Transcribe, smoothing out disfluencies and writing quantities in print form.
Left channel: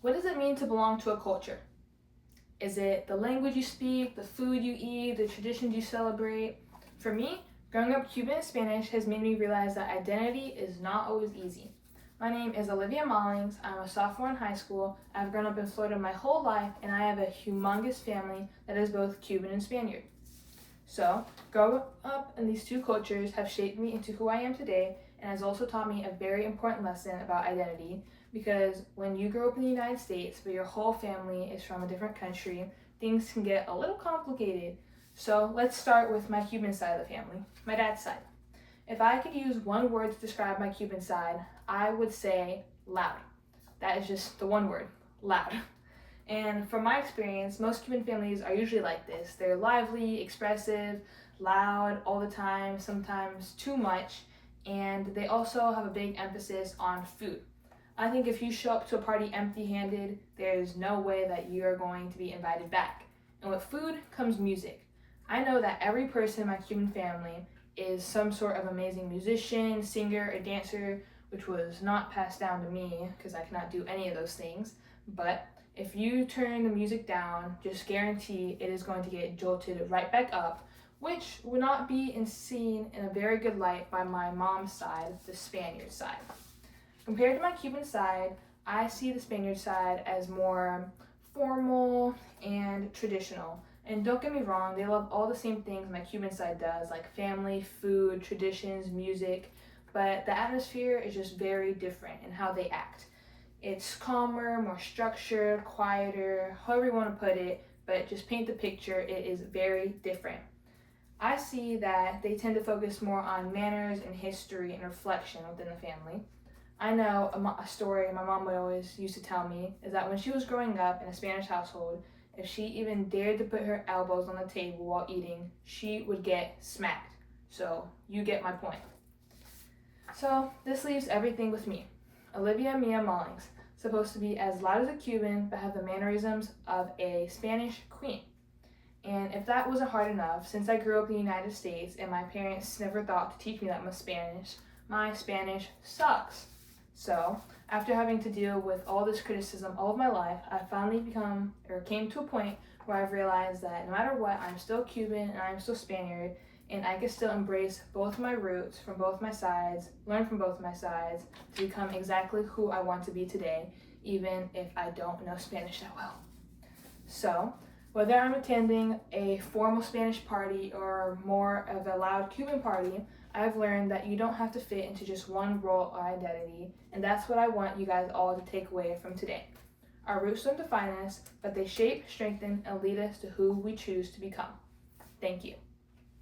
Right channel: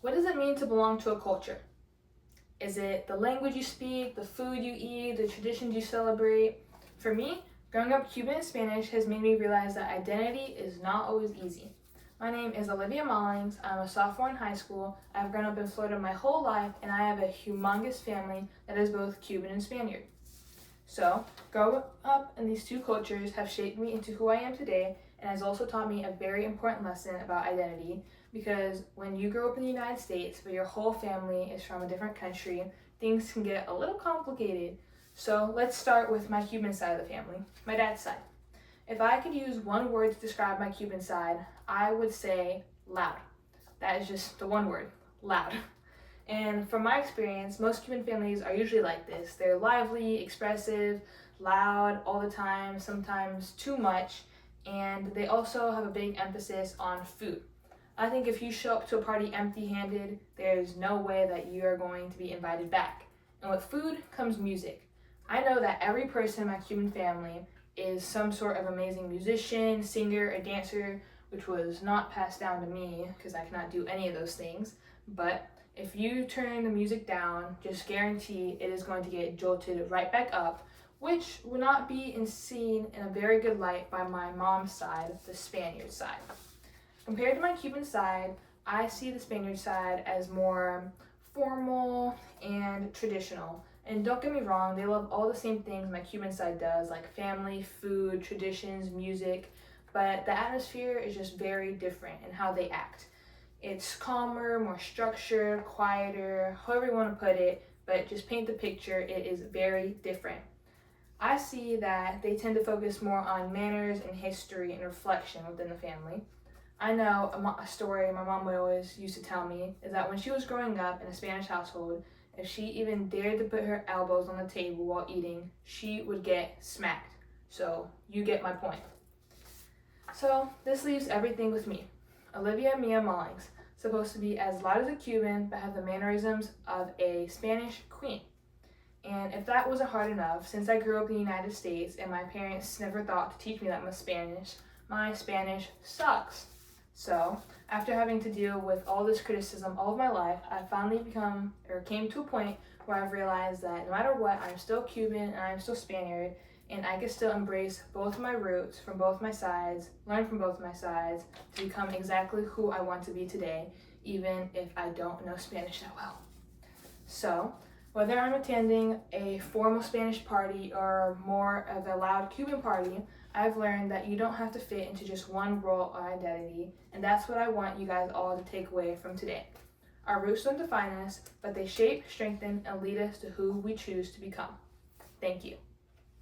What does it mean to belong to a culture? Is it the language you speak, the food you eat, the traditions you celebrate? For me, growing up Cuban and Spanish has made me realize that identity is not always easy. My name is Olivia Mollings. I'm a sophomore in high school. I've grown up in Florida my whole life, and I have a humongous family that is both Cuban and Spaniard. So, growing up in these two cultures have shaped me into who I am today and has also taught me a very important lesson about identity, because when you grow up in the United States but your whole family is from a different country, things can get a little complicated. So let's start with my Cuban side of the family, my dad's side. If I could use one word to describe my Cuban side, I would say loud. That is just the one word, loud. And from my experience, most Cuban families are usually like this. They're lively, expressive, loud all the time, sometimes too much, and they also have a big emphasis on food. I think if you show up to a party empty-handed, there's no way that you're going to be invited back. And with food comes music. I know that every person in my Cuban family is some sort of amazing musician, singer, or dancer, which was not passed down to me because I cannot do any of those things. But if you turn the music down, just guarantee it is going to get jolted right back up, which would not be seen in a very good light by my mom's side, the Spaniard side. Compared to my Cuban side, I see the Spaniard side as more formal and traditional. And don't get me wrong, they love all the same things my Cuban side does, like family, food, traditions, music, but the atmosphere is just very different in how they act. It's calmer, more structured, quieter, however you want to put it, but just paint the picture, it is very different. I see that they tend to focus more on manners and history and reflection within the family. I know a story my mom would always used to tell me is that when she was growing up in a Spanish household, if she even dared to put her elbows on the table while eating, she would get smacked. So you get my point. So this leaves everything with me, Olivia Mia Mullings, supposed to be as loud as a Cuban but have the mannerisms of a Spanish queen. And if that wasn't hard enough, since I grew up in the United States and my parents never thought to teach me that much Spanish, my Spanish sucks. So, after having to deal with all this criticism all of my life, I finally came to a point where I've realized that no matter what, I'm still Cuban and I'm still Spaniard, and I can still embrace both my roots from both my sides, learn from both my sides, to become exactly who I want to be today, even if I don't know Spanish that well. So, whether I'm attending a formal Spanish party or more of a loud Cuban party, I've learned that you don't have to fit into just one role or identity, and that's what I want you guys all to take away from today. Our roots don't define us, but they shape, strengthen, and lead us to who we choose to become. Thank you.